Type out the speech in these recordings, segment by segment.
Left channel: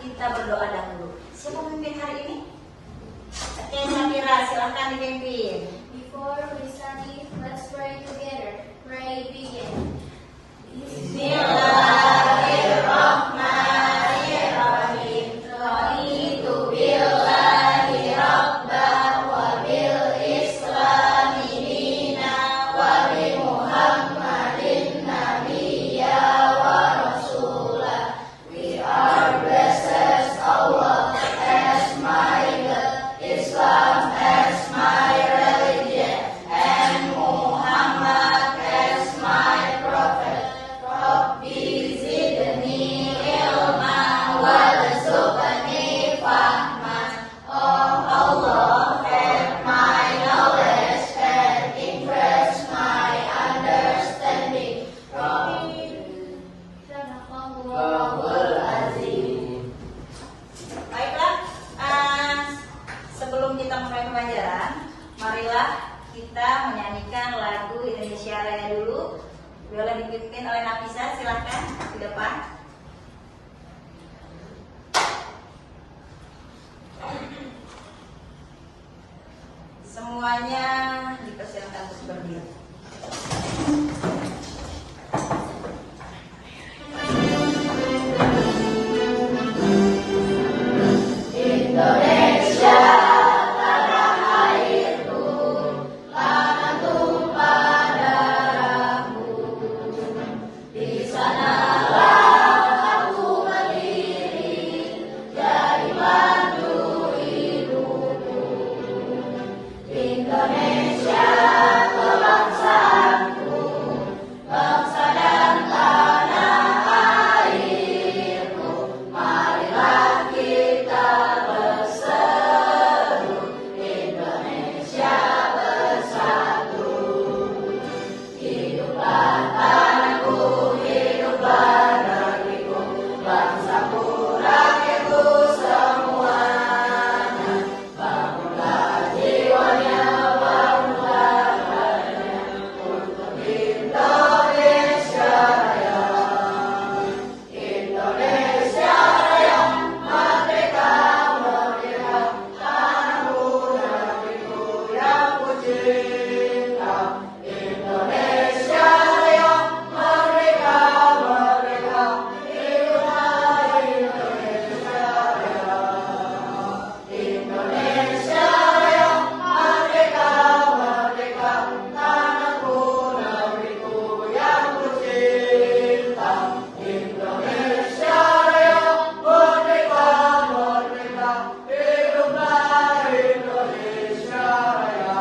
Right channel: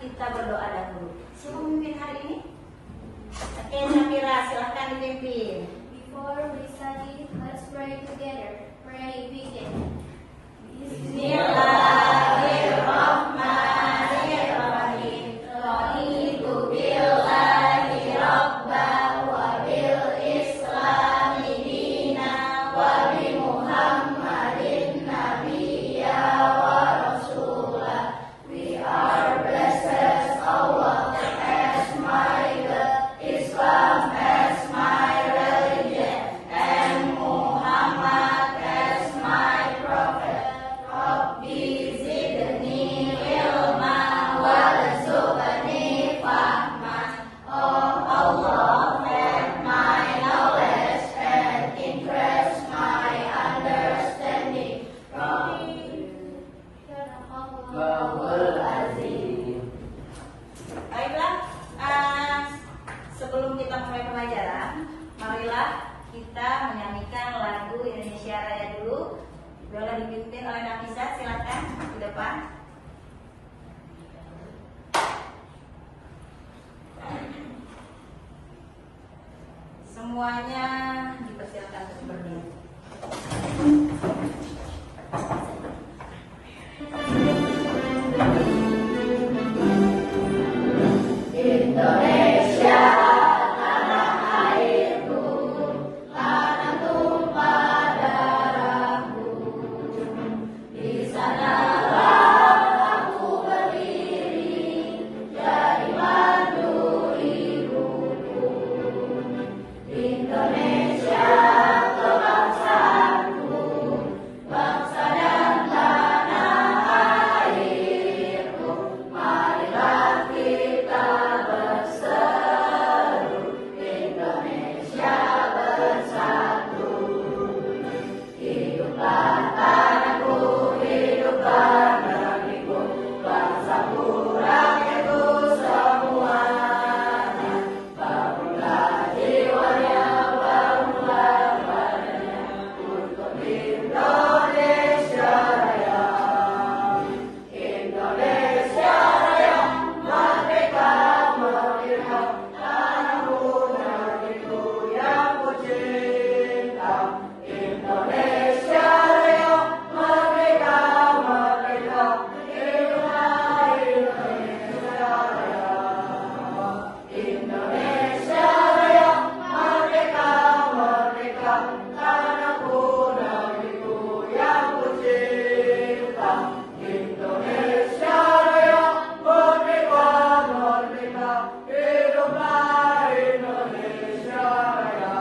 kita berdoa dahulu. Siapa memimpin hari ini? Oke, Safira, silahkan dipimpin. Before we study, let's pray together. Pray begin. Bismillahirrahmanirrahim. Raditu billahi rabban wa bil islami dina wa bi Muhammadin nabiyya wa rasulah. We are blessed Allah as my God, Islam as my religion, and Muhammad as my prophet. Rabbi zidni ilman warzuqni fahman. Oh Allah, add my knowledge and increase my understanding. Rabbul Azim. Baiklah, sebelum kita mulai pembelajaran, marilah kita menyanyikan lagu Indonesia Raya dulu. Boleh dipimpin oleh Nafisa, silakan di depan. Semuanya dipersilakan untuk berdiri. Indonesia tanah airku, tanah tumpah darahku. Di sanalah aku berdiri, jadi mandu ibuku. Indonesia kebangsaanku, bangsa dan tanah airku. Marilah kita berseru, Indonesia bersatu. Hiduplah tanahku, hiduplah negeriku, bangsaku, rakyatku semuanya. Bangunlah jiwanya, bangunlah badannya untuk Indonesia Raya. Indonesia Raya, merdeka, merdeka, tanahku, negeriku yang ku cinta. Indonesia Raya, merdeka, merdeka, hiduplah Indonesia Raya. Indonesia Raya, merdeka, merdeka, tanahku, negeriku yang ku cinta. Indonesia Raya, merdeka, merdeka, hiduplah Indonesia Raya.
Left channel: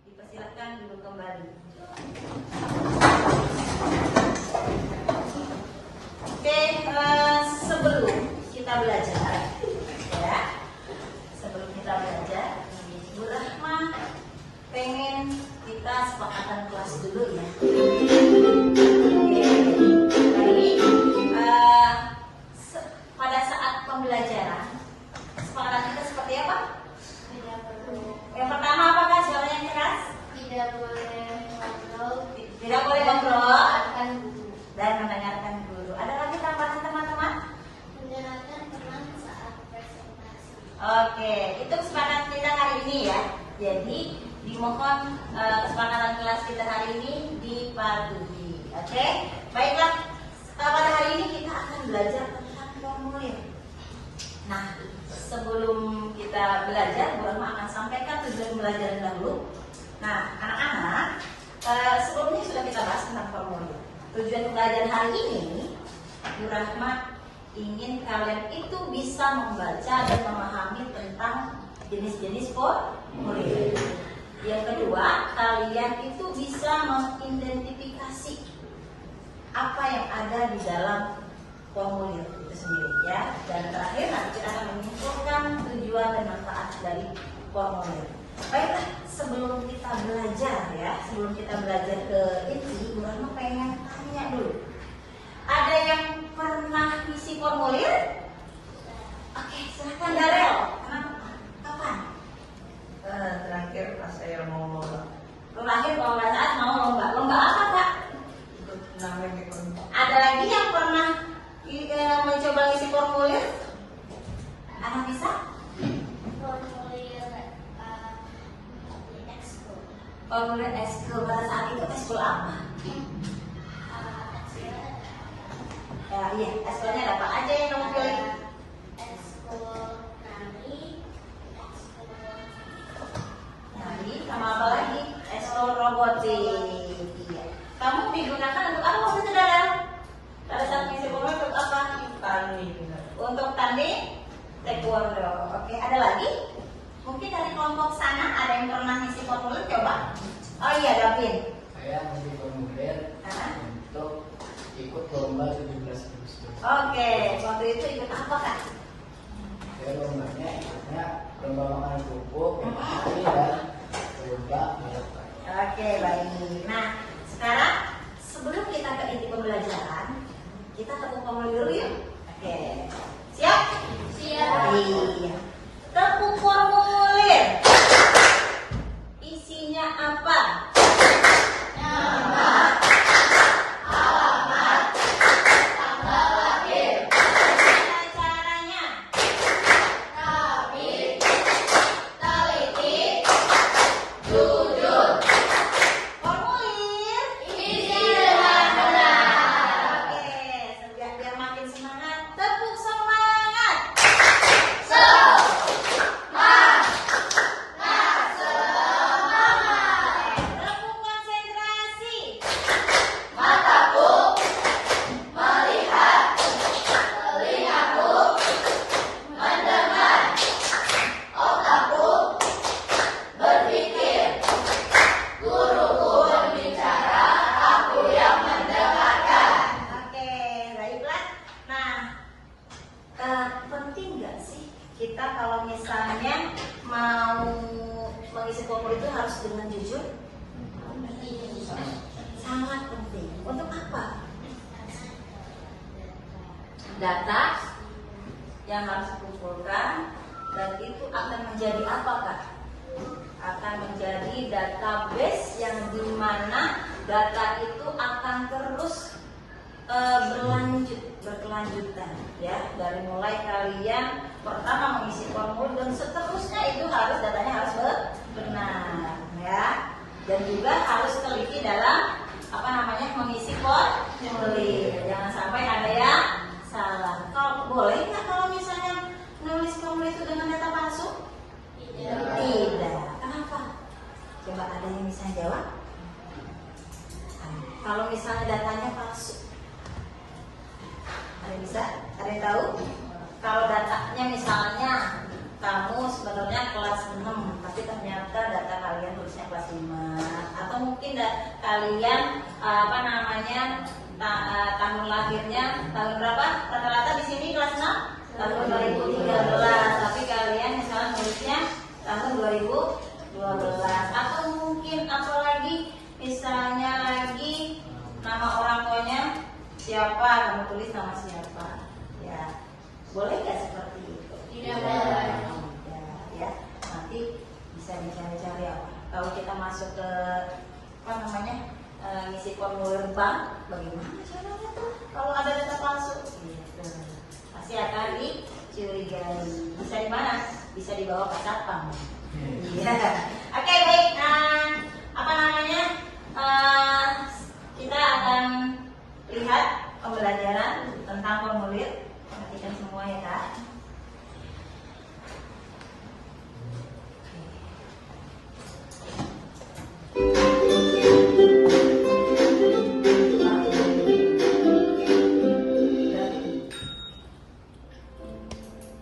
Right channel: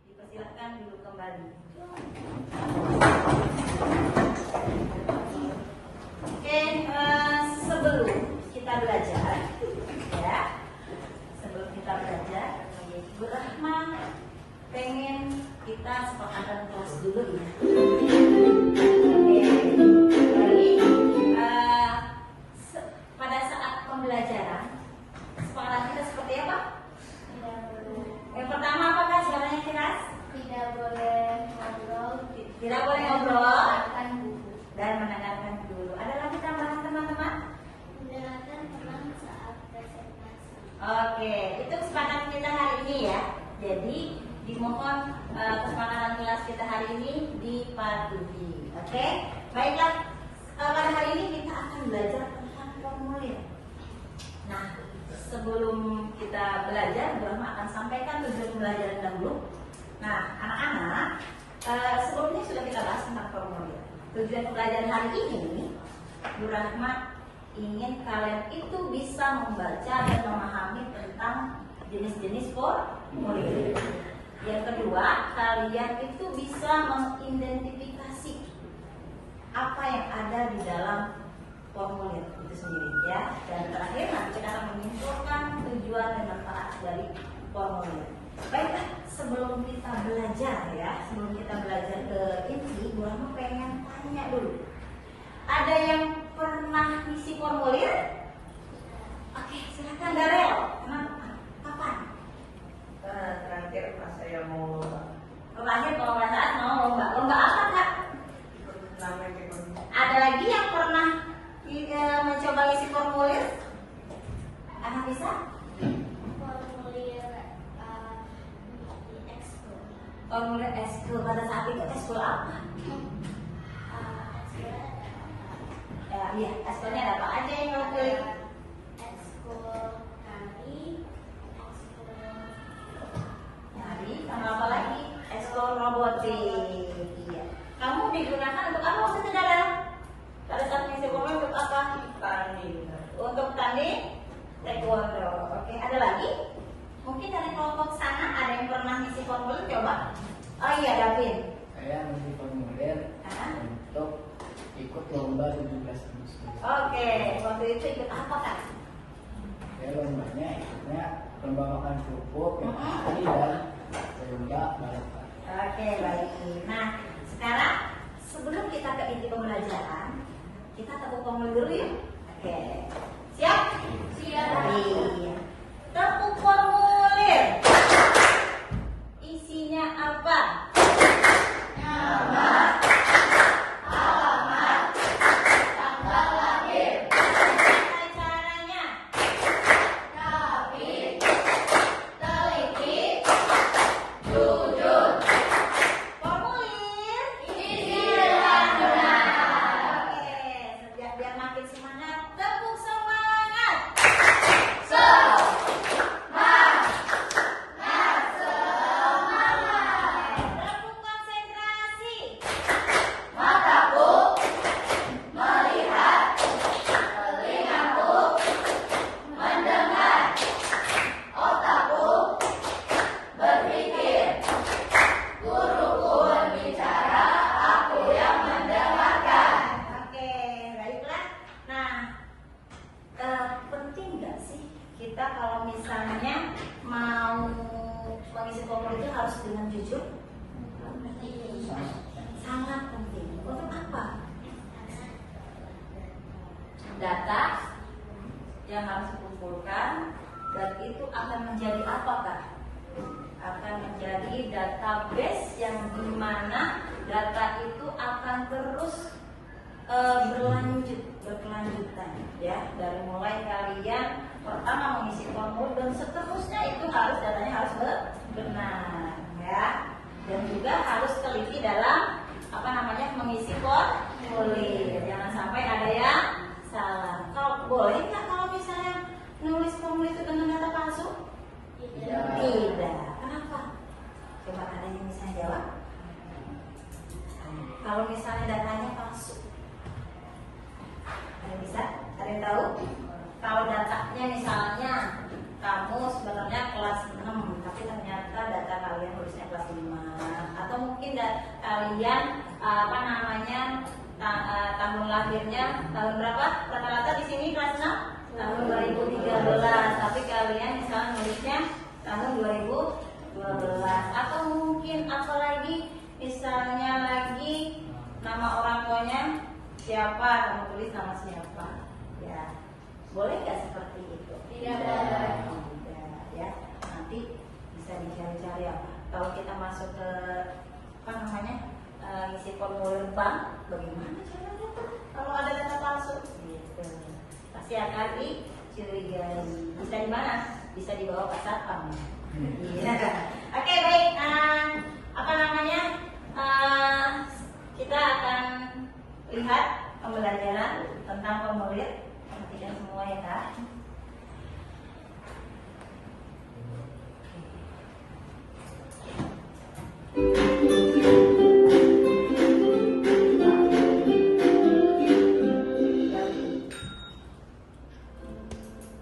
Dipersilakan dulu kembali. Oke, sebelum kita belajar, ya, sebelum kita belajar, Bu Rahma pengen kita sepakatan kelas dulu ya. Jadi, pada saat pembelajaran, sepakatan kita seperti apa? Yang pertama apakah suaranya keras? Tidak boleh ngobrol. Tidak boleh ngobrol Akan buku. dan mendengarkan dulu. Ada lagi tambahan teman-teman? Mendengarkan teman saat presentasi. Oke, itu kesepakatan kita hari ini ya. Jadi dimohon kesepakatan kelas kita hari ini dipatuhi. Oke, baiklah. Pada hari ini kita akan belajar tentang formulir. Nah, sebelum kita belajar, Bu Rahma akan sampaikan tujuan pembelajaran dahulu. Nah, anak-anak, sebelumnya sudah kita bahas tentang formulir. Tujuan pembelajaran hari ini, Bu Rahma ingin kalian itu bisa membaca dan memahami tentang jenis-jenis formulir. Yang kedua, kalian itu bisa mengidentifikasi apa yang ada di dalam formulir itu sendiri ya. Dan terakhir nanti kita akan menyimpulkan tujuan dan manfaat dari formulir. Baiklah, sebelum kita belajar ya, sebelum kita belajar ke inti, Bu Rahma pengen tanya dulu. Ada yang pernah isi formulir? Oke, silakan Darel. Kenapa? Kapan? Terakhir pas saya mau lomba. Terakhir kalau nggak salah mau lomba. Lomba apa Kak? Ikut namanya Ada lagi yang pernah formulir? Anak bisa? Formulir ekskul. Formulir ekskul pada saat itu ekskul apa? Ya, iya, ekskulnya ada apa aja yang kamu pilih? Ekskul nari, ekskul Nari, sama apa lagi? Ekskul robotik. Iya. Kamu digunakan untuk apa waktu itu Dada? Pada saat mengisi formulir untuk apa? Tani. Untuk tanding taekwondo. Oke, ada lagi? Mungkin dari kelompok sana ada yang pernah ngisi formulir coba? Oh iya, Davin. Saya masih formulir Hah? untuk ikut lomba 17 Agustus. Oke, waktu itu ikut apa Kak? Saya lombanya ikutnya lomba makan kerupuk, Mhm. tadi ya lomba balapan. Oke, baik. Nah, sekarang sebelum kita ke inti pembelajaran, kita tepuk formulir dulu yuk. Oke, siap? Siap. Iya. Tepuk formulir. Isinya apa? Caranya? Formulir. Oke, biar makin semangat. Tepuk semangat. Tepuk konsentrasi. Oke, baiklah. Nah, penting nggak sih kita kalau misalnya mau mengisi formulir itu harus dengan jujur? Sangat penting. Untuk apa? Data yang harus dikumpulkan dan itu akan menjadi apa Kak? Akan menjadi database yang dimana data itu akan terus berkelanjutan ya, dari mulai kalian pertama mengisi formulir dan seterusnya itu harus datanya harus benar ya, dan juga harus teliti dalam mengisi formulir, jangan sampai ada yang salah. Kalau boleh nggak kalau misalnya nulis formulir itu dengan data palsu? Tidak. Kenapa? Coba ada yang bisa jawab? Kalau misalnya datanya palsu, ada yang bisa? Ada yang tahu? Kalau datanya misalnya kamu sebenarnya kelas 6, tapi ternyata data kalian tulisnya kelas 5, atau mungkin kalian tahun lahirnya tahun berapa? Rata-rata di sini kelas 6 tahun 2013, tapi kalian misalnya nulisnya tahun 2012, atau mungkin apalagi misalnya lagi nama orang tuanya siapa, kamu tulis nama siapa, ya boleh nggak seperti itu? Tidak boleh. Tidak, ya nanti bisa dicari-cari apa. Kalau kita masuk ke ngisi formulir bank, bagaimana caranya tuh kalau ada data palsu? Gitu. Pasti akan dicurigai. Bisa di mana? Bisa dibawa ke satpam. Iya. Oke, baik. Kita akan lihat pembelajaran tentang formulir. Perhatikan semua ya Kak.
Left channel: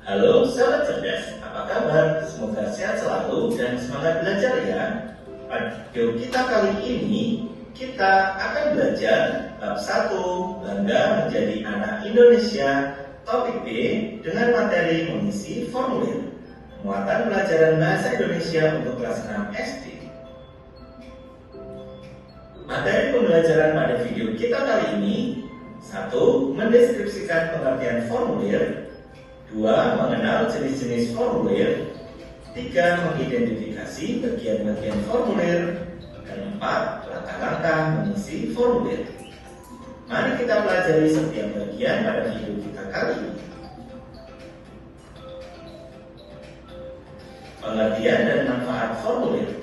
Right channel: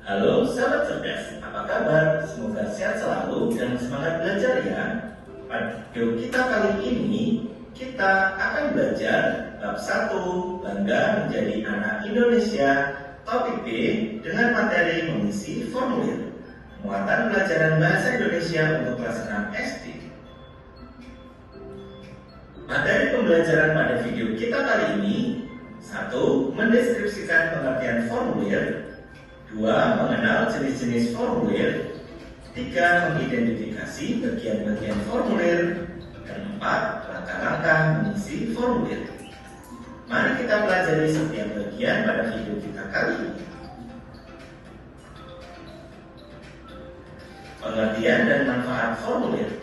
Halo sahabat cerdas, apa kabar? Semoga sehat selalu dan semangat belajar ya. Pada video kita kali ini, kita akan belajar bab 1, Bangga Menjadi Anak Indonesia, topik B dengan materi mengisi formulir. Muatan pelajaran Bahasa Indonesia untuk kelas 6 SD. Materi pembelajaran pada video kita kali ini: 1. Mendeskripsikan pengertian formulir. 2. Mengenal jenis-jenis formulir. 3. Mengidentifikasi bagian-bagian formulir. Dan 4. Langkah-langkah mengisi formulir. Mari kita pelajari setiap bagian pada video kita kali ini. Pengertian dan manfaat formulir.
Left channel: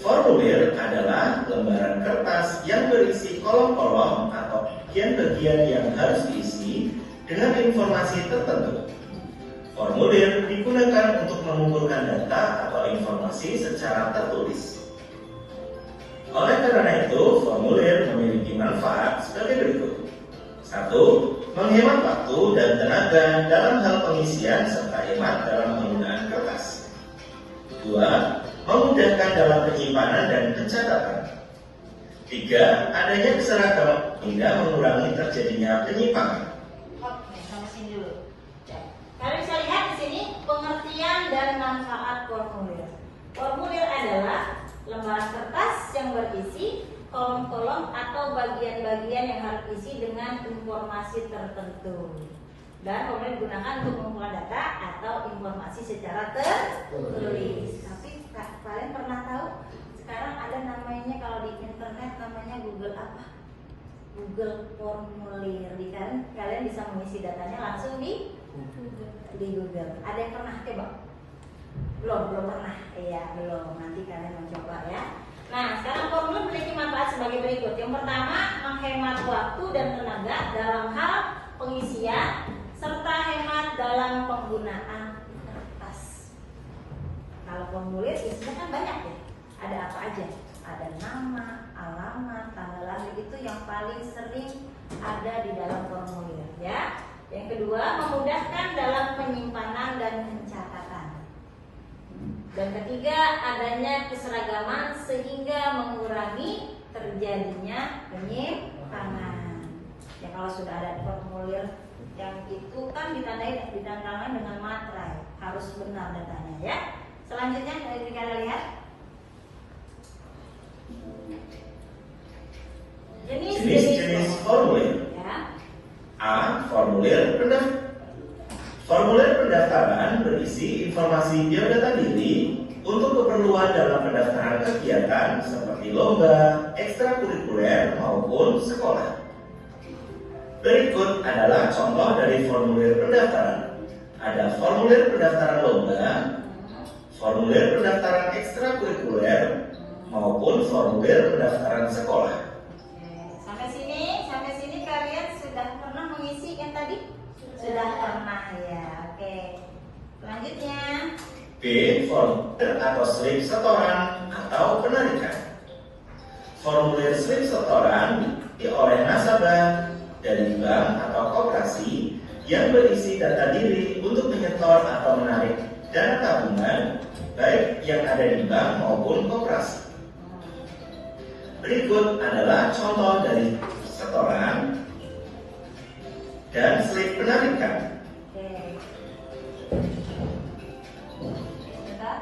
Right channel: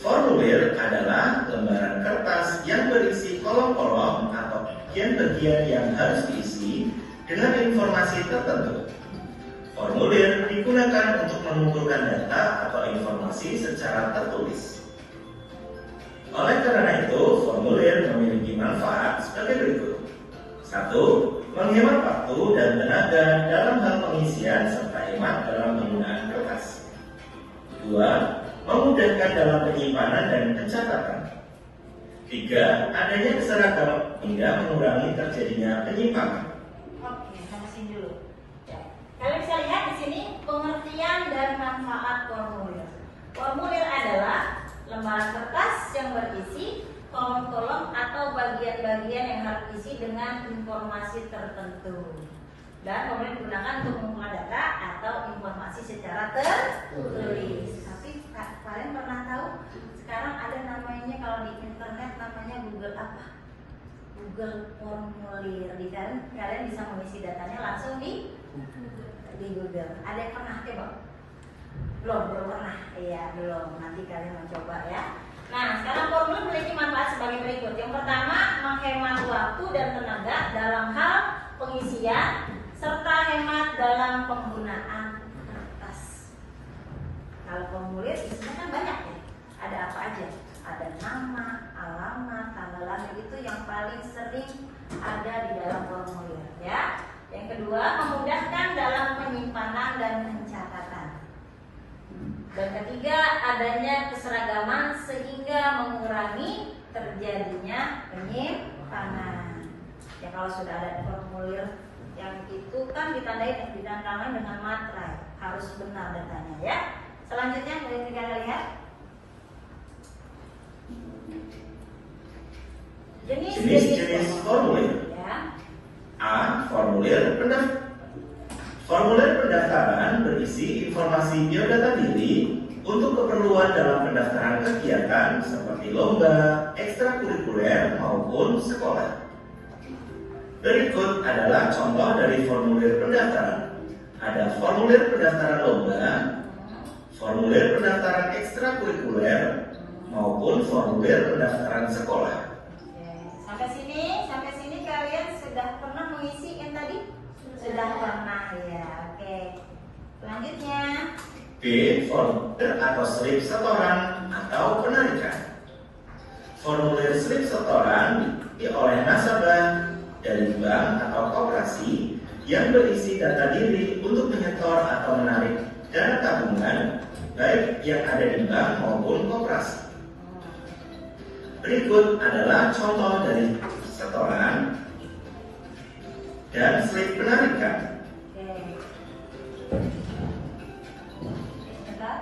Formulir adalah lembaran kertas yang berisi kolom-kolom atau bagian-bagian yang harus diisi dengan informasi tertentu. Formulir digunakan untuk mengumpulkan data atau informasi secara tertulis. Oleh karena itu, formulir memiliki manfaat sebagai berikut. 1. Menghemat waktu dan tenaga dalam hal pengisian serta hemat dalam penggunaan kertas. 2. Memudahkan dalam penyimpanan dan pencatatan. 3. Adanya keseragaman hingga mengurangi terjadinya penyimpangan. Oke, sampai sini dulu. Kalian bisa lihat di sini pengertian dan manfaat formulir. Formulir adalah lembaran kertas yang berisi kolom-kolom atau bagian-bagian yang harus diisi dengan informasi tertentu. Dan formulir digunakan untuk mengumpulkan data atau informasi secara tertulis. Tapi kalian pernah tahu sekarang ada namanya kalau di internet namanya Google apa? Google Formulir. Kalian bisa mengisi datanya langsung di Google. Ada yang pernah coba? Belum pernah. Iya, belum. Nanti kalian mencoba ya. Nah, sekarang formulir memiliki manfaat sebagai berikut. Yang pertama, menghemat waktu dan tenaga dalam hal pengisian serta hemat dalam penggunaan kertas. Kalau formulir isinya kan banyak ya. Ada apa aja? Ada nama, alamat, tanggal lahir, itu yang paling sering ada di dalam formulir ya. Yang kedua, memudahkan dalam penyimpanan dan pencatatan. Dan ketiga, adanya keseragaman sehingga mengurangi terjadinya penyimpangan. Ya kalau sudah ada formulir yang itu kan ditandai dengan materai, harus benar datanya ya. Selanjutnya dari kalian lihat jenis-jenis formulir. ya. A. Formulir pendaftaran berisi informasi biodata diri untuk keperluan dalam pendaftaran kegiatan seperti lomba, ekstrakurikuler maupun sekolah. Berikut adalah contoh dari formulir pendaftaran. Ada formulir pendaftaran lomba, formulir pendaftaran ekstrakurikuler maupun formulir pendaftaran sekolah. Sampai sini kalian sudah pernah mengisi yang tadi? Sudah pernah ya. Oke. Selanjutnya B. Formulir atau slip setoran atau penarikan. Formulir slip setoran oleh nasabah dari bank atau koperasi yang berisi data diri untuk menyetor atau menarik dana tabungan baik yang ada di bank maupun koperasi. Berikut adalah contoh dari setoran dan slip penarikan.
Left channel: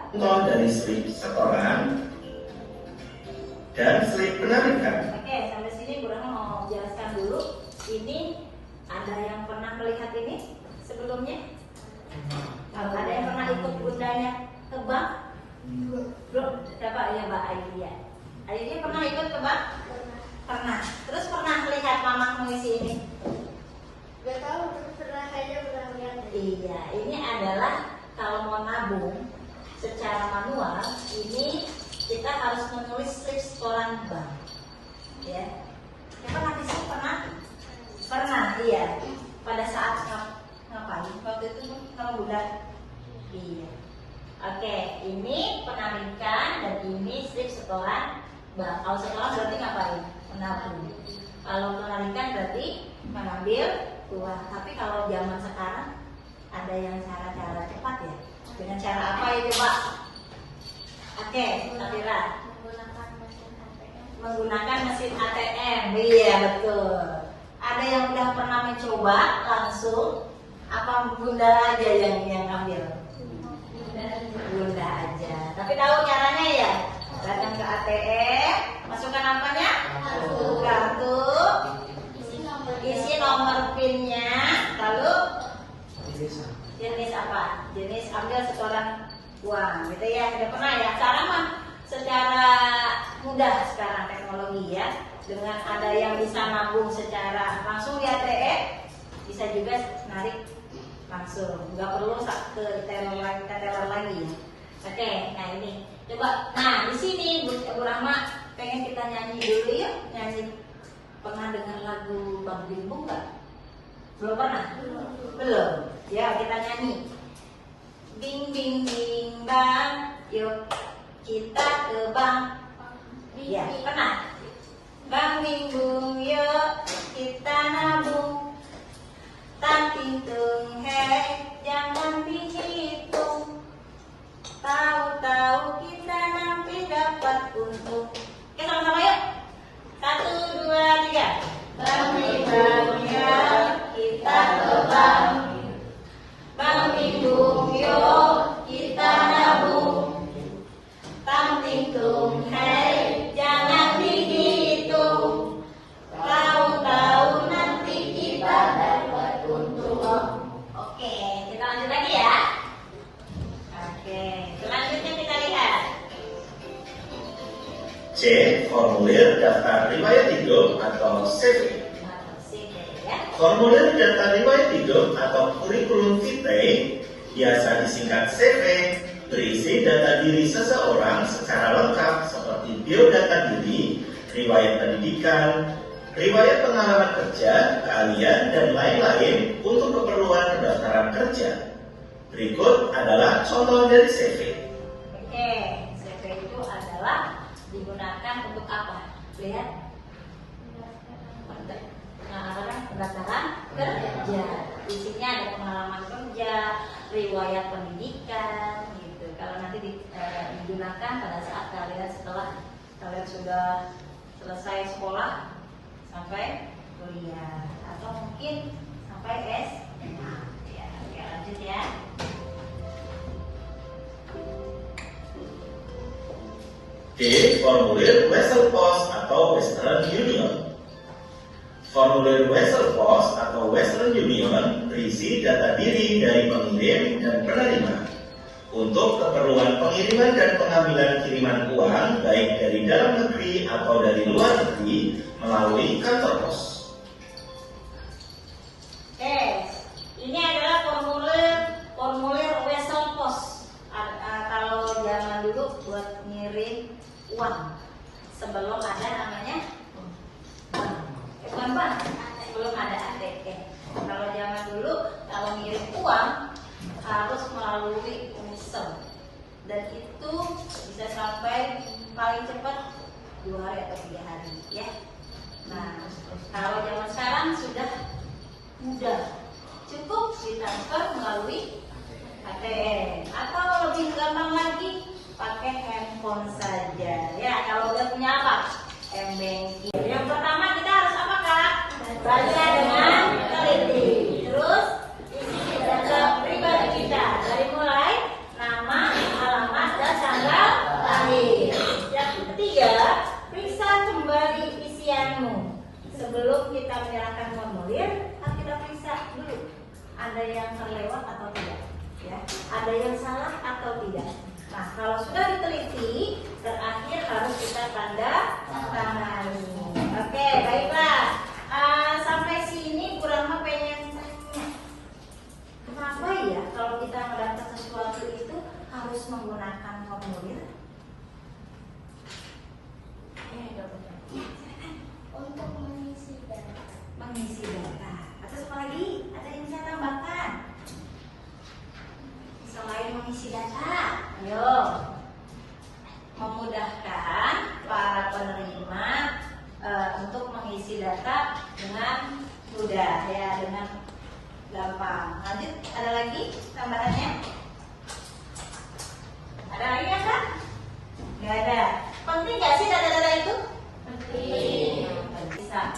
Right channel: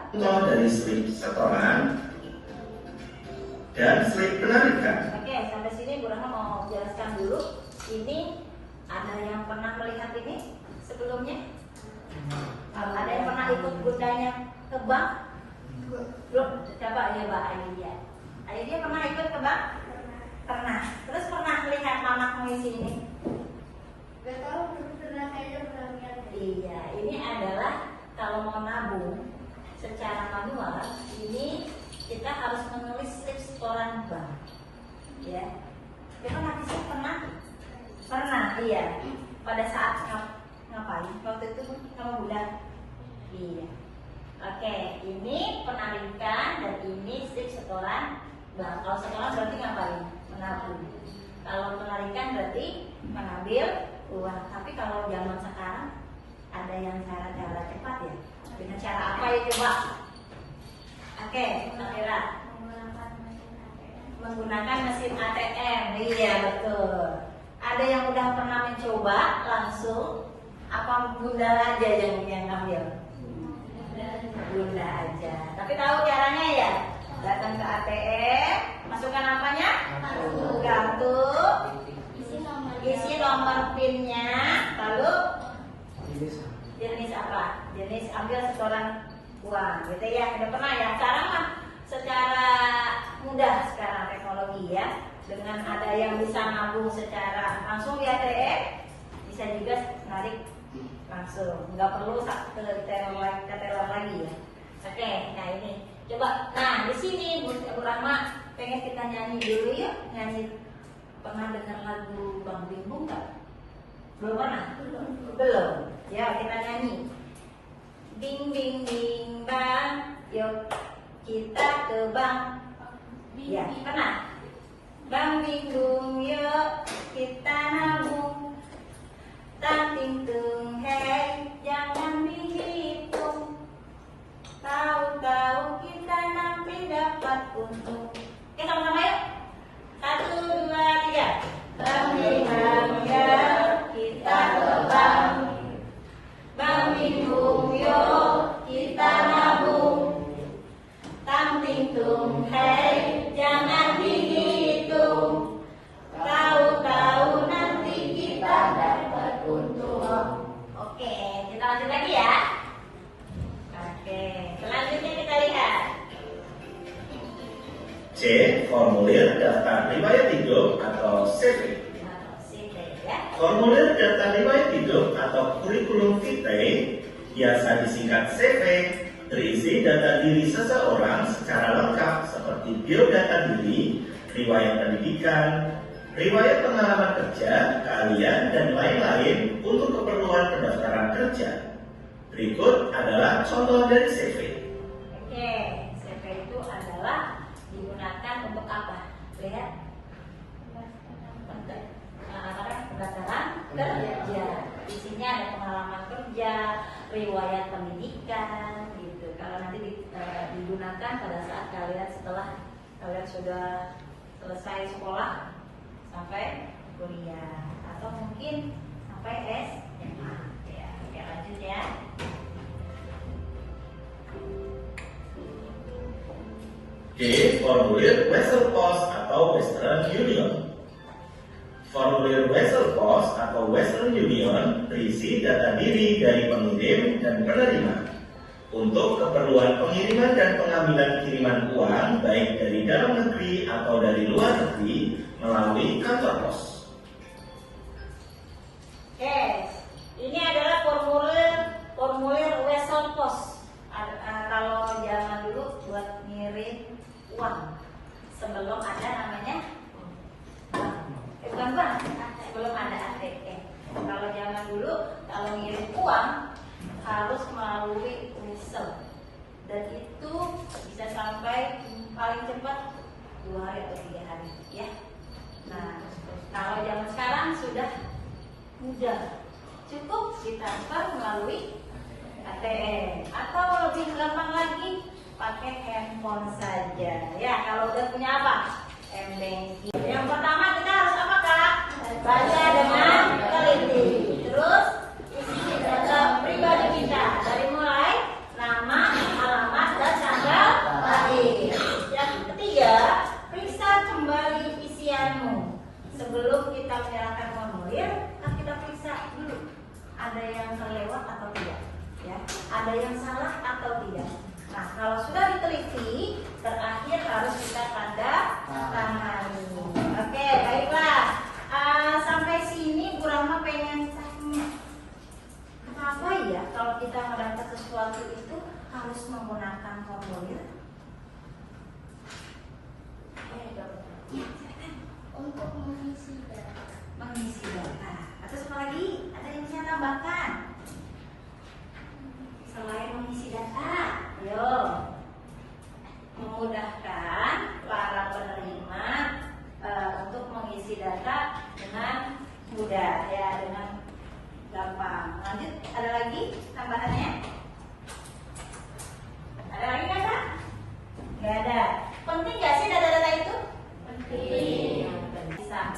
Contoh dari slip setoran dan slip penarikan. Oke, sampai sini Bu Rahma mau jelaskan dulu. Ini ada yang pernah melihat ini sebelumnya? Ada yang pernah ikut bundanya ke bank? Belum. Coba ya Mbak Aidia. Aidia pernah ikut ke bank? Pernah. Terus pernah melihat mama mengisi ini? Gak tahu, pernah saja pernah lihat. Iya, ini adalah kalau mau nabung secara manual, ini kita harus menulis slip setoran bank. Ya. Pernah di sini pernah? Pernah, iya. Pada saat ngapain? Waktu itu sama Bunda. Iya. Oke, ini penarikan dan ini slip setoran bank. Kalau setoran berarti ngapain? Menabung. Kalau penarikan berarti mengambil uang. Tapi kalau zaman sekarang ada yang cara-cara cepat ya. Dengan cara apa ya coba? Oke, Nabila. Menggunakan mesin ATM. Iya betul. Ada yang udah pernah mencoba langsung? Apa Bunda aja yang ngambil? Bunda aja. Tapi tahu caranya ya? Datang ke ATM, masukkan apanya? Kartu, isi nomor PIN-nya, lalu jenis apa? Jenis ambil setoran uang, gitu ya. Udah pernah ya? Sekarang mah secara mudah sekarang teknologi ya. Dengan ada yang bisa nabung secara langsung di ATM, bisa juga narik langsung. Nggak perlu ke teller lagi ya. Oke, nah ini coba. Nah di sini Bu Rahma pengen kita nyanyi dulu ya. Nyanyi, pernah dengar lagu Bang Bimbo nggak? Belum pernah? Belum. Ya kita nyanyi. Bing bing bing bang, yuk kita ke bank. Ya pernah. Bang bing bung yuk kita nabung. Tanting tung hei jangan dihitung. Tahu-tahu kita nanti dapat untung. Oke sama-sama yuk. 1, 2, 3. Bang bing bang ya kita ke bank. Bang bing bung yuk kita nabung. Tanting tung hei jangan dihitung. Tahu-tahu nanti kita dapat untung. Oke, kita lanjut lagi ya. Oke, selanjutnya kita lihat. C. Formulir daftar riwayat hidup atau CV. Formulir daftar riwayat hidup atau kurikulum vitae biasa disingkat CV, berisi data diri seseorang secara lengkap seperti biodata diri, riwayat pendidikan, riwayat pengalaman kerja, keahlian, dan lain-lain untuk keperluan pendaftaran kerja. Berikut adalah contoh dari CV. Oke, CV itu adalah digunakan untuk apa? Lihat. Pendaftaran kerja. Isinya ada pengalaman kerja, riwayat pendidikan, gitu. Kalau nanti digunakan pada saat kalian setelah kalian sudah selesai sekolah sampai kuliah atau mungkin sampai SMA. Ya, oke lanjut ya. D. Formulir Wesel Post atau Western Union. Formulir Wesel Post atau Western Union berisi data diri dari pengirim dan penerima untuk keperluan pengiriman dan pengambilan kiriman uang baik dari dalam negeri atau dari luar negeri melalui kantor pos. Ini adalah formulir Wesel Post. Kalau zaman dulu buat ngirim uang sebelum ada namanya bank, belum ada ATM. Kalau zaman dulu kalau ngirim uang harus melalui Wesel dan itu bisa sampai paling cepat 2 hari atau 3 hari ya. Nah kalau zaman sekarang sudah mudah, cukup ditransfer melalui ATM atau lebih gampang lagi pakai handphone saja ya. Kalau udah punya apa? M-Banking. Yang pertama kita harus apa Kak? Baca dengan teliti. Terus isi data pribadi kita dari mulai nama, alamat, dan tanggal lahir. Yang ketiga, periksa kembali isianmu. Sebelum kita menyerahkan formulir, kita periksa dulu ada yang terlewat atau tidak, ya, ada yang salah atau tidak. Nah, kalau sudah diteliti, terakhir harus kita tanda tangani. Oke, baiklah. Sampai sini Bu Rahma pengen tanya, kenapa ya kalau kita mendaftar sesuatu itu harus menggunakan formulir? Untuk mengisi data. Mengisi data. Atau apa lagi? Ada yang saya tambahkan? Selain mengisi data, ayo, memudahkan para penerima untuk mengisi data dengan mudah ya, dengan gampang. Lanjut, ada lagi tambahannya? Ada lagi nggak Kak? Nggak ada. Penting nggak sih data-data itu? Penting. Di saat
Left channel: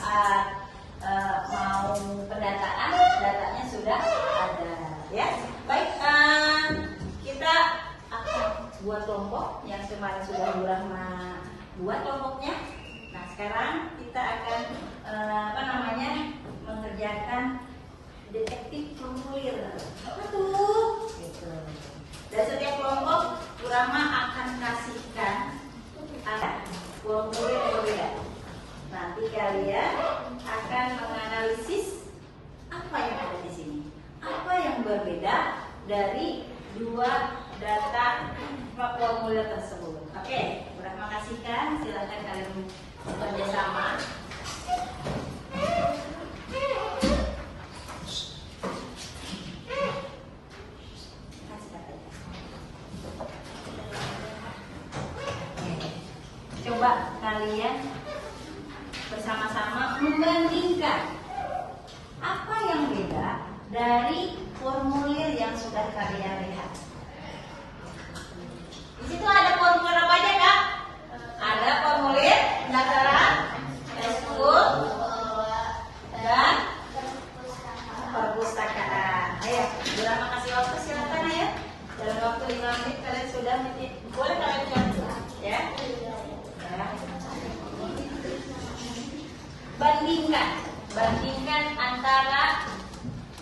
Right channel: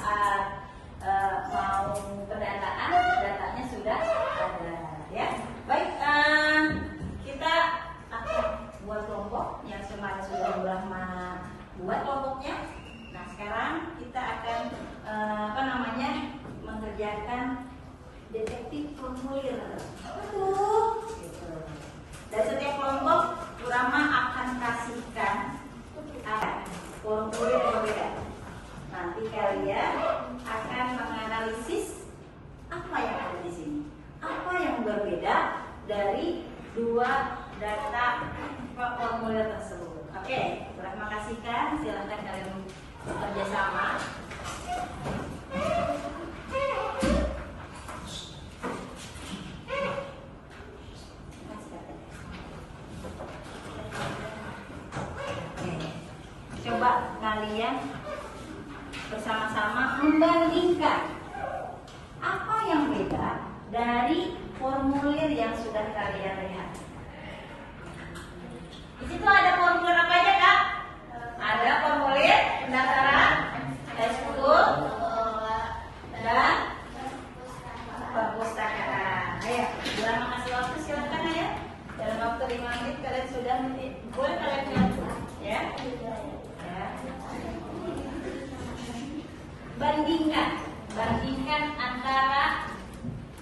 mau pendataan, datanya sudah ada ya. Baik, kita akan buat kelompok yang kemarin sudah Bu Rahma buat kelompoknya. Nah sekarang kita akan mengerjakan detektif formulir. Apa tuh? Gitu. Dan setiap kelompok Bu Rahma akan kasihkan formulir berbeda. Nanti kalian akan menganalisis apa yang ada di sini, apa yang berbeda dari dua data formulir tersebut. Oke, terima kasihkan. Silakan kalian bekerja sama. Coba kalian bersama-sama membandingkan apa yang beda dari formulir yang sudah kalian lihat. Di situ ada formulir apa aja, Kak? Ada formulir pendaftaran, eskul, dan perpustakaan. Ayo, bila makasih waktu silakan ya. Dalam waktu 5 menit kalian sudah boleh kalian lihat ya. Bandingkan antara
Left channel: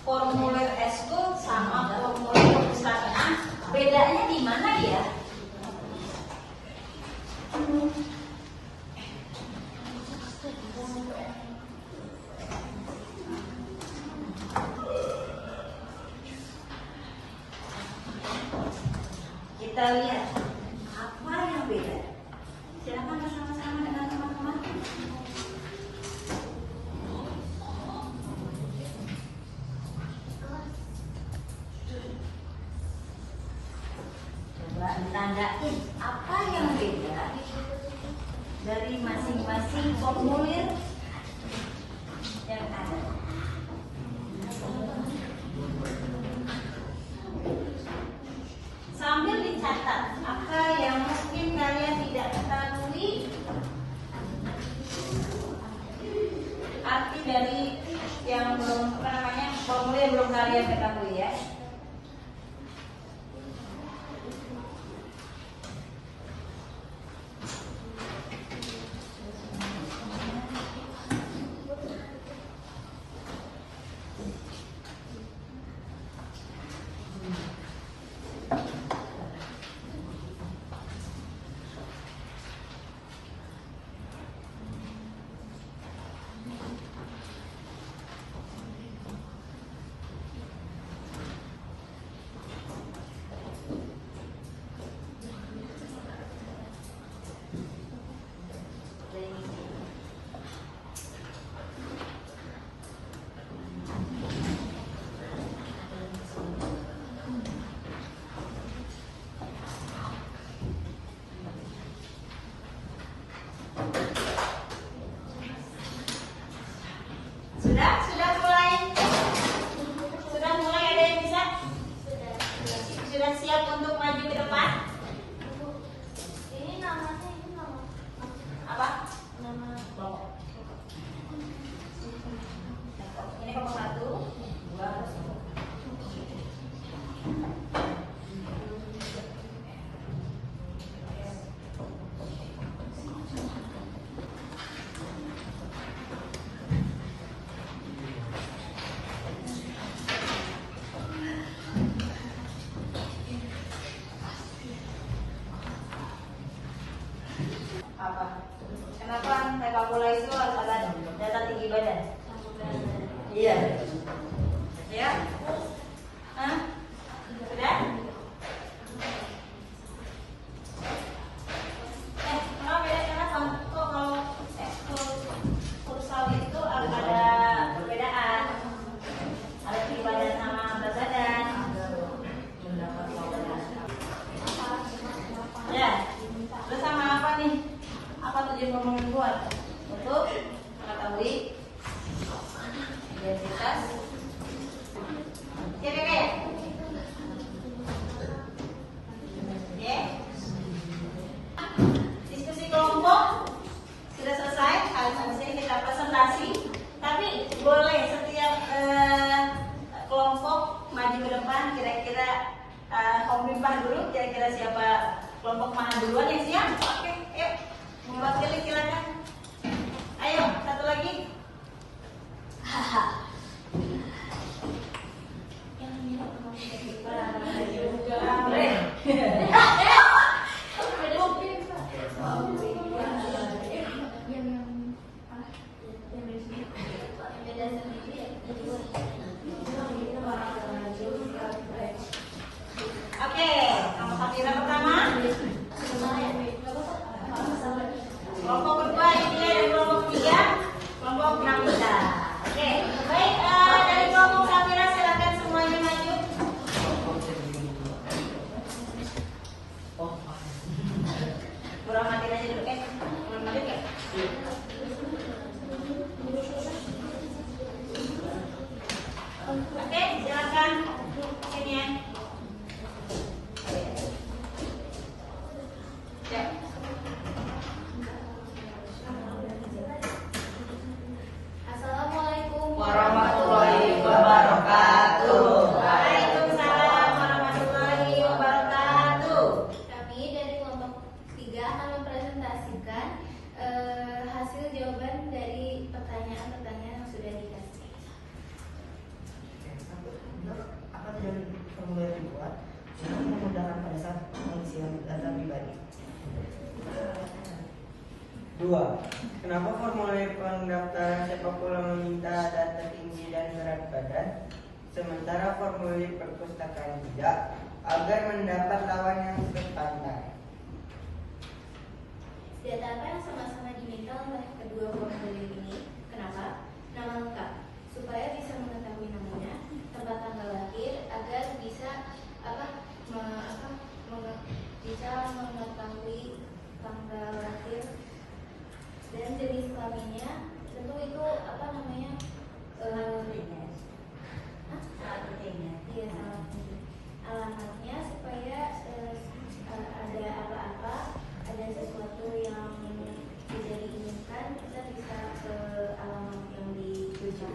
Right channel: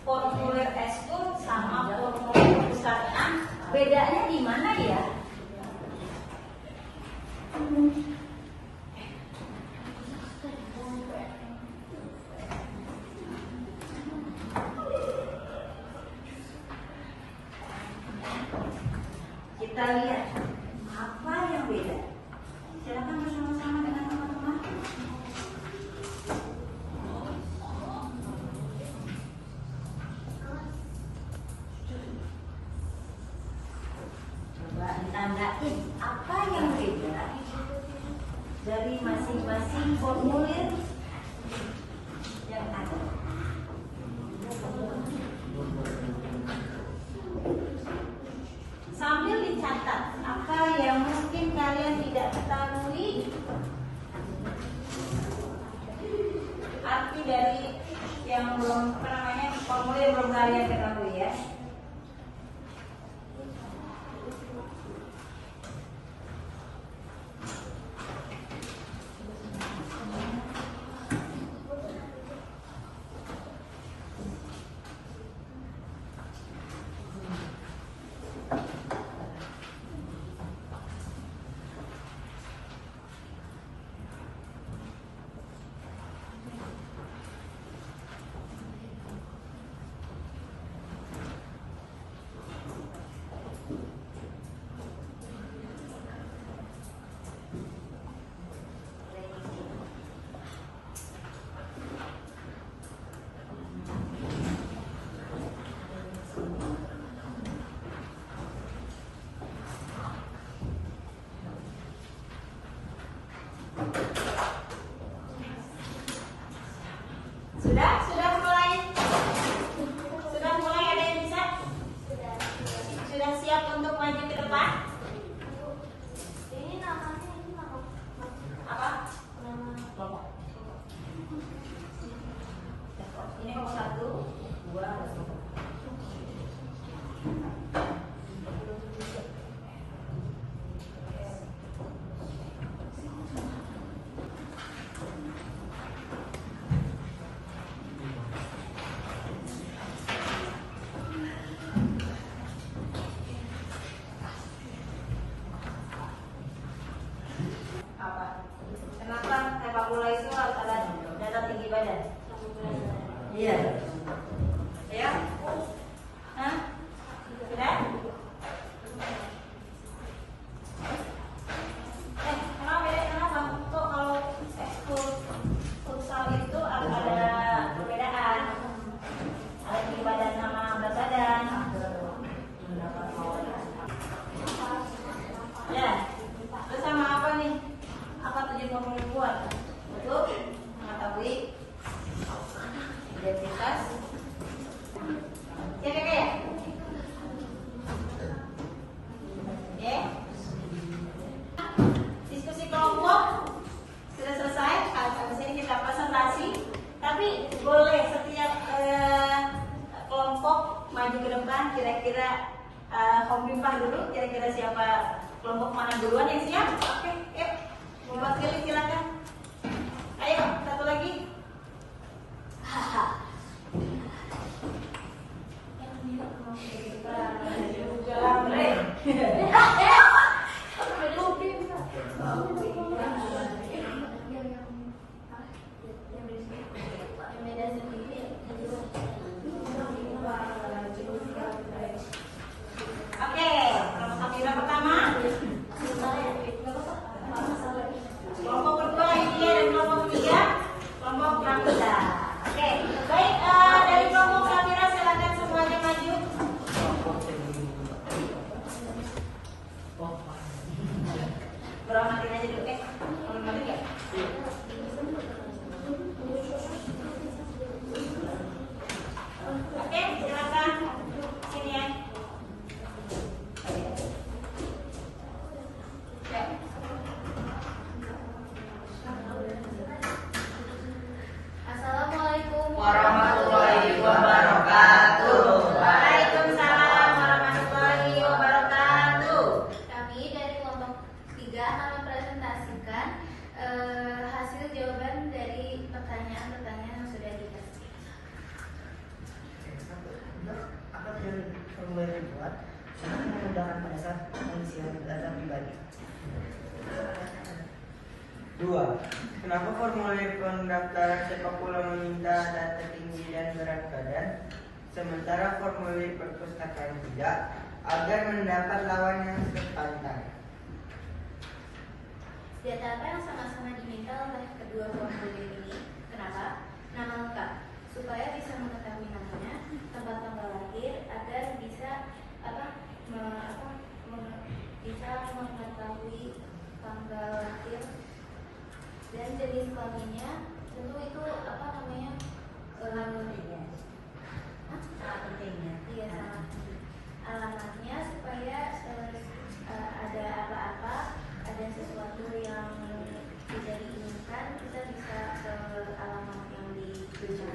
formulir eskul sama formulir perpustakaan. Bedanya di mana ya? Kita lihat apa yang beda. Silakan bersama-sama dengan teman-teman. Coba ditandain apa yang beda dari masing-masing formulir yang ada. Sambil dicatat apa yang mungkin kalian tidak ketahui, arti dari yang belum formulir belum kalian ketahui ya. Sudah mulai ada yang bisa? Sudah siap untuk maju ke depan? Ini namanya Apa? nama Kelompok. Ini kelompok 1, 2, apa? Kenapa sepak bola itu harus ada data tinggi badan? Iya. Ya? Hah? Sudah? Kenapa beda? Kenapa? Kok kalau ekskul futsal itu ada perbedaan? Ada tinggi badan sama berat badan. Ya. Terus sama apa nih? Apa tujuan formulir luar? Untuk mengetahui identitas. Ya, oke. Oke. Diskusi kelompok sudah selesai. Habis ini kita presentasi. Tapi boleh setiap kelompok maju ke depan. Kira-kira komunitas dulu. Kira-kira siapa kelompok mana duluan yang siap? Oke, yuk. Membuat pilih silakan. Ayo, satu lagi. Oke, kelompok Safira pertama. silakan sini ya. Assalamualaikum Warahmatullahi wabarakatuh. Waalaikumsalam warahmatullahi wabarakatuh. Kami dari kelompok 3 akan mempresentasikan hasil jawaban dari pertanyaan-pertanyaan yang sudah dikasih. Apa dari formulir dibuat? Sangat memudahkan pada saat pengisian data pribadi. 2. Kenapa formulir pendaftaran sepak bola meminta data tinggi dan berat badan, sementara formulir perpustakaan tidak, agar mendapat lawan yang sepantar? Data apa yang sama-sama diminta oleh kedua formulir ini? Kenapa? Nama lengkap, supaya bisa mengetahui namanya, tempat tanggal lahir, agar bisa bisa mengetahui tanggal lahir dan jenis kelaminnya. Tentu itu Salah pentingnya. iya, sangat penting. Alamatnya supaya ada apa-apa, ada sesuatu yang tidak diinginkan, kita bisa ke alamat yang dituju.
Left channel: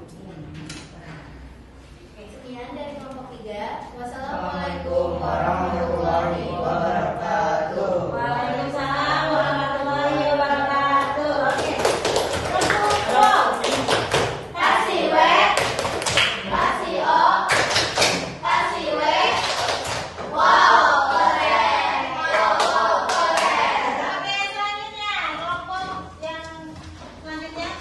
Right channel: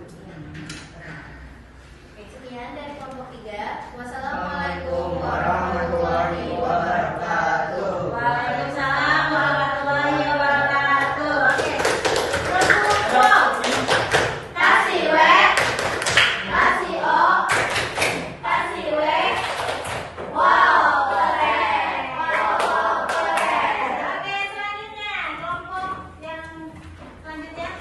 Oke, sekian dari kelompok 3. Wassalamualaikum warahmatullahi wabarakatuh. Waalaikumsalam warahmatullahi wabarakatuh. Oke. Kasih W, kasih O, kasih W. Wow, keren. Wow, keren. Oke, selanjutnya kelompok yang selanjutnya.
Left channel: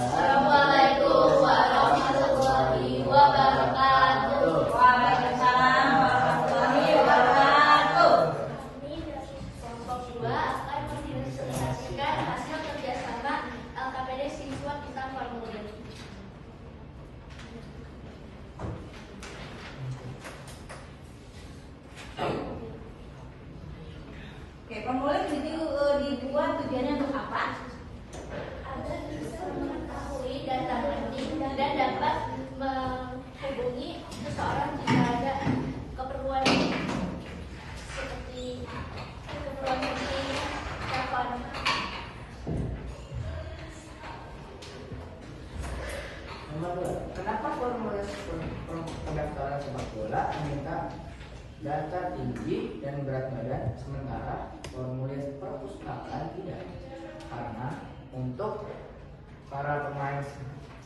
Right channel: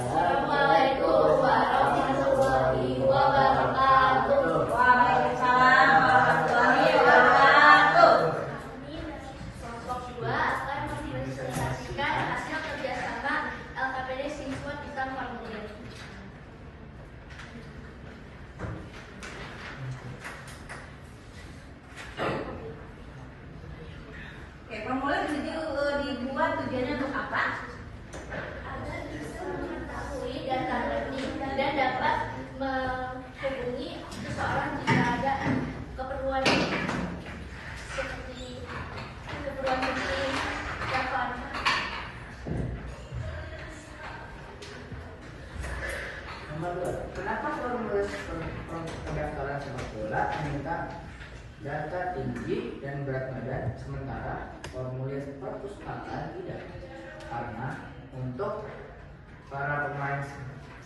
Assalamualaikum warahmatullahi wabarakatuh. Waalaikumsalam warahmatullahi wabarakatuh. Kami dari kelompok 2 akan mempresentasikan hasil kerjasama LKPD siswa tentang formulir. Oke, formulir dibuat tujuannya untuk apa? Agar bisa mengetahui data penting dan dapat menghubungi seseorang jika ada keperluan seperti telepon. Nomor 2. Kenapa formulir pendaftaran sepak bola meminta data tinggi dan berat badan, sementara formulir perpustakaan tidak? Karena untuk para pemain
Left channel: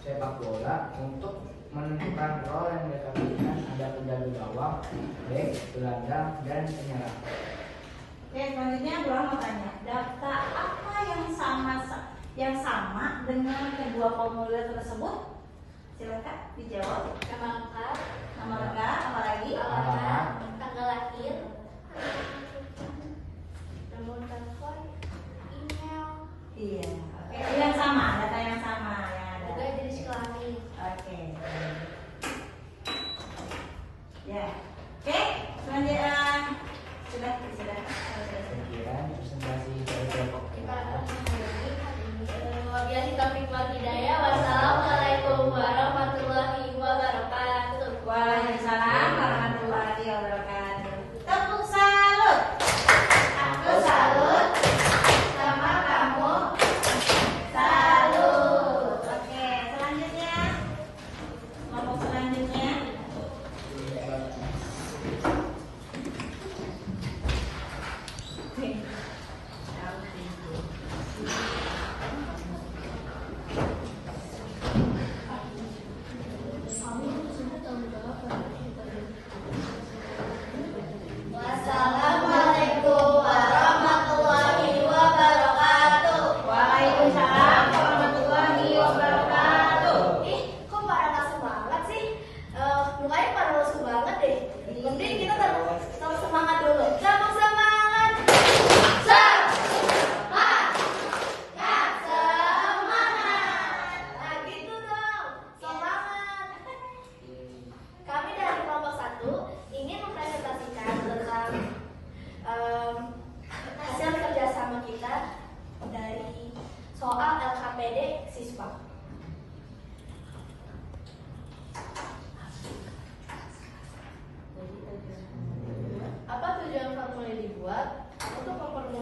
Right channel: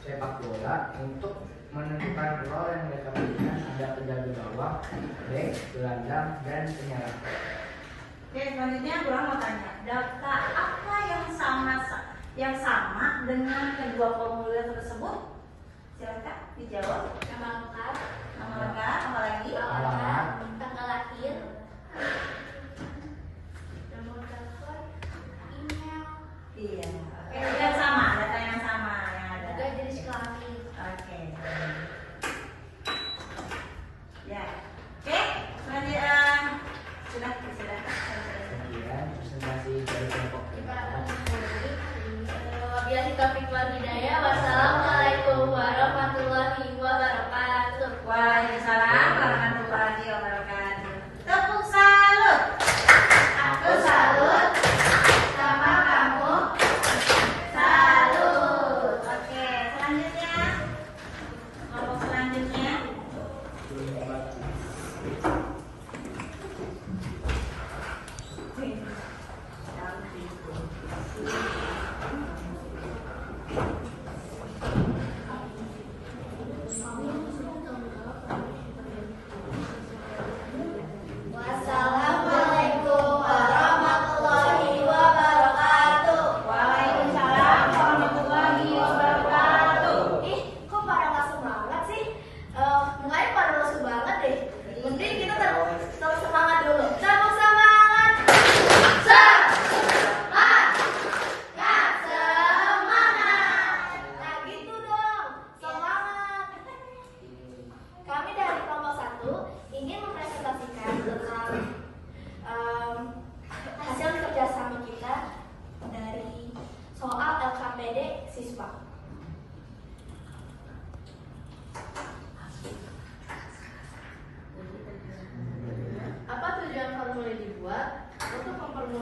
sepak bola, untuk menentukan role yang mereka berikan, ada penjaga gawang, bek, gelandang, dan penyerang. Oke, selanjutnya Bulan mau tanya, data apa yang sama dengan kedua formulir tersebut? Silakan dijawab. Nama lengkap, Nama lengkap, apa lagi? alamat, tanggal lahir, nomor telepon, email, Iya. Oke, yang sama, data yang sama yang ada. juga jenis kelamin. Oke. Ya. Oke, selanjutnya sudah. Sekian presentasi dari kelompok Kita 3. akan menghadiri hari ini. Wabillahi taufiq wal hidayah. Wassalamualaikum warahmatullahi wabarakatuh. Waalaikumsalam warahmatullahi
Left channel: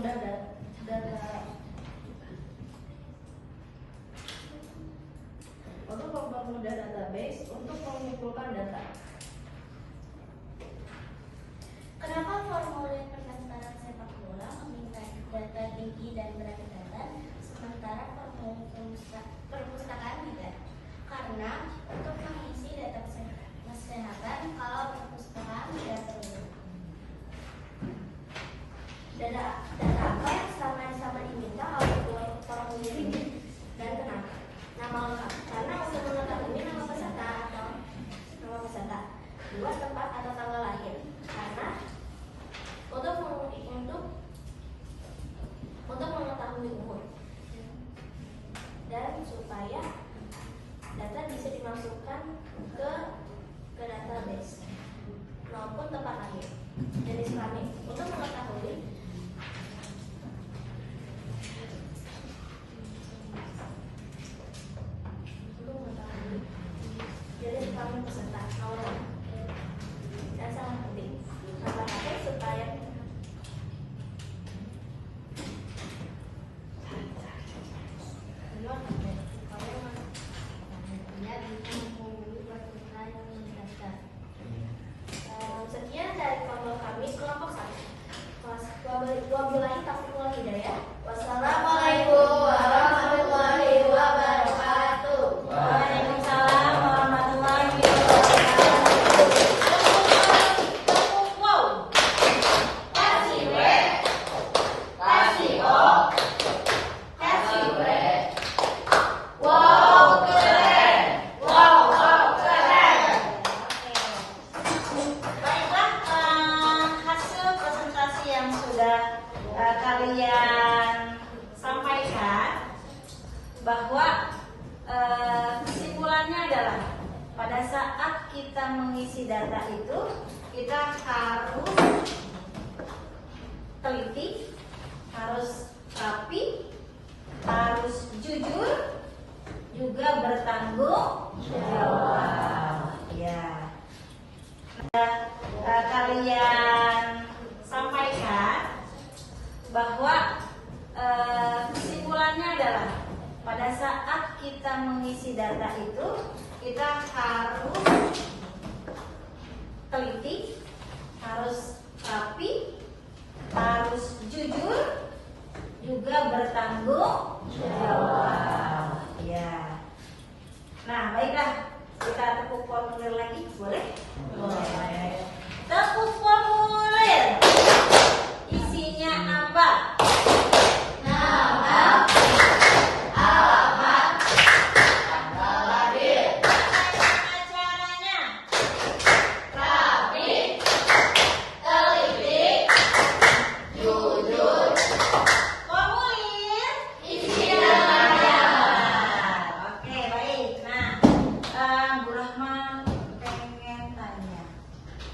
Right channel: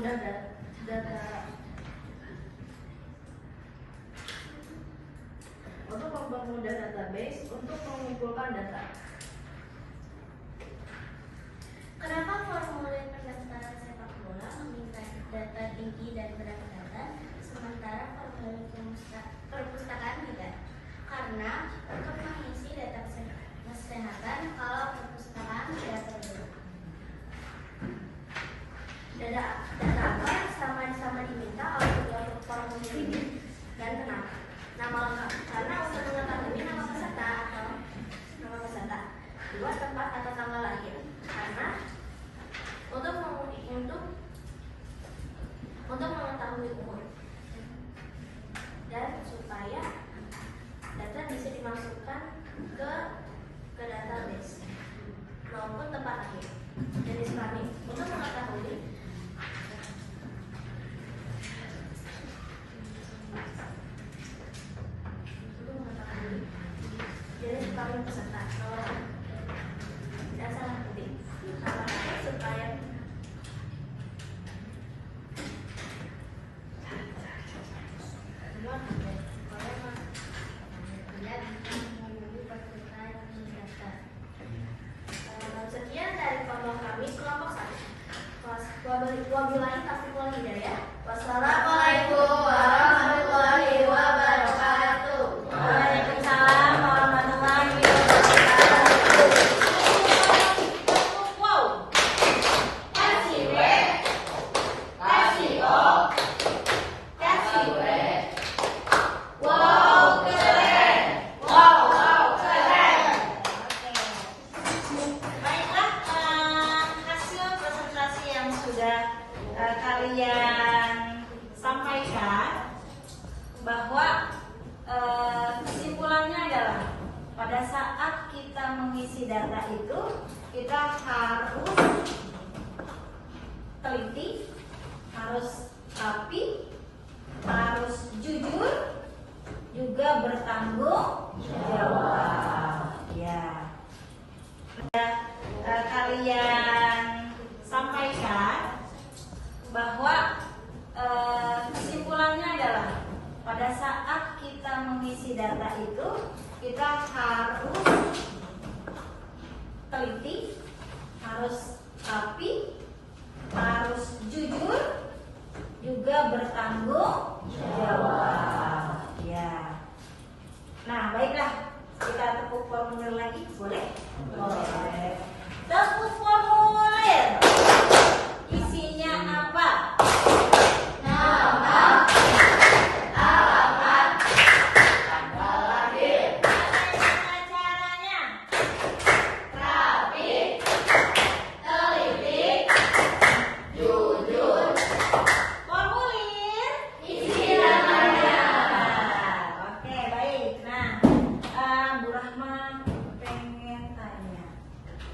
mempermudah data database untuk mengumpulkan data. Kenapa formulir pendaftaran sepak bola meminta data tinggi dan berat badan, sementara formulir perpustakaan tidak? Karena untuk mengisi data kesehatan, kalau perpustakaan tidak perlu. Data apa yang sama-sama diminta oleh kedua formulir ini dan kenapa? Nama lengkap, karena untuk mengetahui nama peserta, dua tempat atau tanggal lahir, karena untuk mengetahui umur, dan supaya data bisa dimasukkan ke database maupun tempat lahir. Jenis kelamin untuk mengetahui jenis kelamin peserta, nomor dan sangat penting nomor lahir supaya sekian dari kelompok kami kelompok 1 kelas 12 Taufiqul Hidayah. Wassalamualaikum warahmatullahi wabarakatuh. Waalaikumsalam warahmatullahi wabarakatuh. Wow. Kasih we. Kasih oh. Kasih we. Wow, keren. Wow, keren. Baiklah, hasil presentasi yang sudah kalian sampaikan, bahwa kesimpulannya adalah pada saat kita mengisi data itu kita harus teliti, harus rapi, harus jujur, juga bertanggung jawab. Ya. Kalian sampaikan bahwa kesimpulannya adalah pada saat kita mengisi data itu kita harus teliti, harus rapi, harus jujur, juga bertanggung jawab. Ya. Nah, baiklah, kita tepuk formulir lagi, boleh? Boleh. Tepuk formulir. Isinya apa? Nama, alamat, tanggal lahir. Bagaimana caranya? Rapi, teliti, jujur. Formulir isinya apa? Oke, baik. Nah, Bu Rahma pengen tanya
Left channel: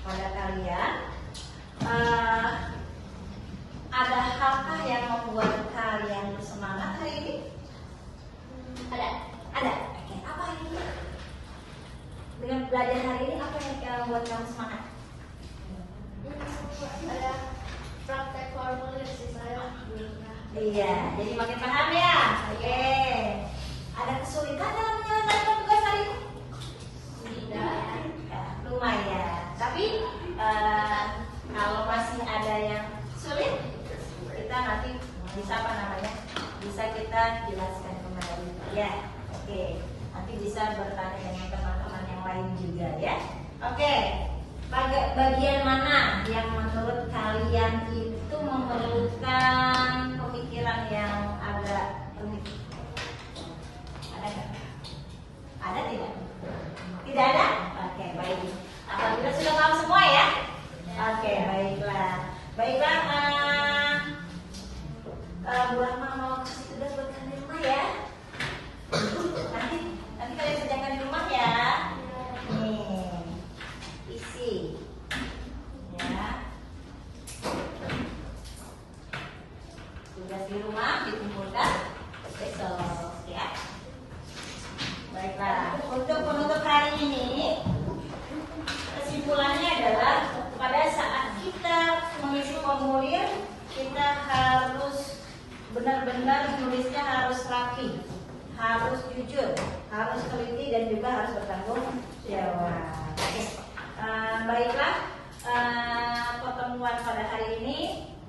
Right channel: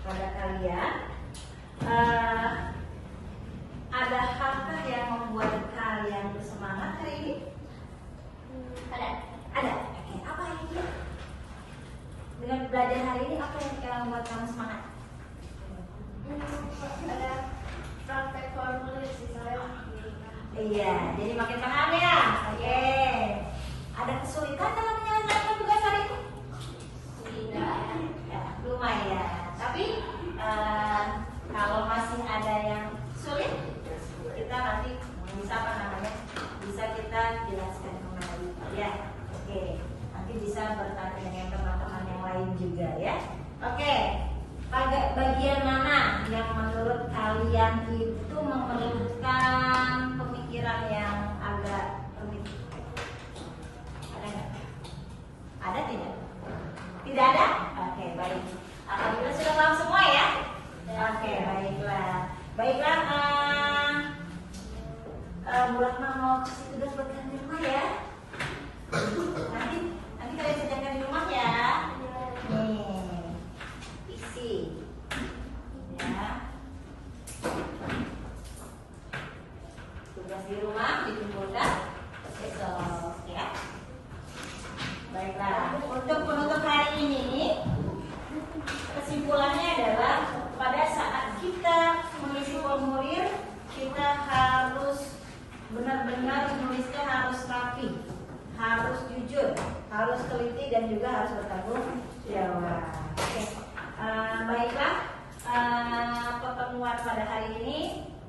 pada kalian, ada halkah yang membuat kalian bersemangat hari ini? Ada? Oke, apa ini? Dengan belajar hari ini, apa yang membuat kamu semangat? Ada praktek formulir sih saya. Iya, jadi makin paham ya. Oke. Ada kesulitan dalam menyelesaikan tugas hari ini? Tidak. Lumayan. Tapi kalau masih ada yang sulit, kita nanti bisa kita jelaskan kembali ya. Oke, nanti bisa bertanya dengan teman-teman yang lain juga ya. Oke, bagian mana yang menurut kalian itu memerlukan pemikiran yang agak rumit? Ada nggak? Ada tidak? Tidak ada? Oke, baik. Kita sudah paham semua ya? Oke, baiklah. Bu Rahma mau sudah bertanya di rumah ya? Nanti kalian kerjakan di rumah ya. Nih, isi ya. Tugas di rumah dikumpulkan besok ya. Baiklah, untuk penutup hari ini kesimpulannya adalah pada saat kita mengisi formulir kita harus benar-benar menulisnya harus rapi, harus jujur, harus teliti dan juga harus bertanggung jawab. Oke. Baiklah, pertemuan pada hari ini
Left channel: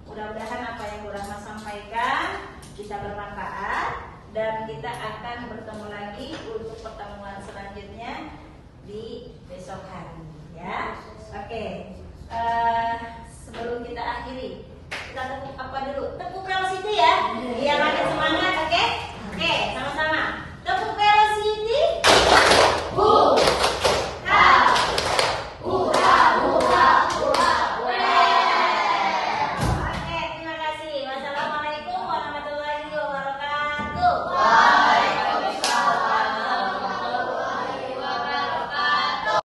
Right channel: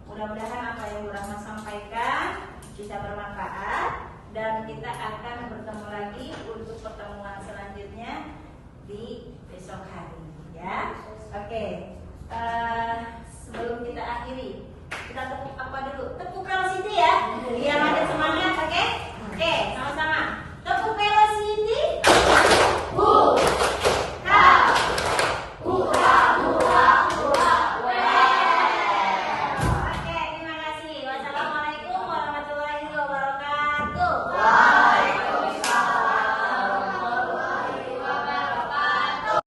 mudah-mudahan apa yang Bu Rahma sampaikan bisa bermanfaat dan kita akan bertemu lagi untuk pertemuan selanjutnya di besok hari ya. Oke. Sebelum kita akhiri, kita tepuk apa dulu? Tepuk Velocity ya, biar ada semangat, oke? Oke, sama-sama. Tepuk Velocity. Oke, terima kasih. Wassalamualaikum warahmatullahi wabarakatuh.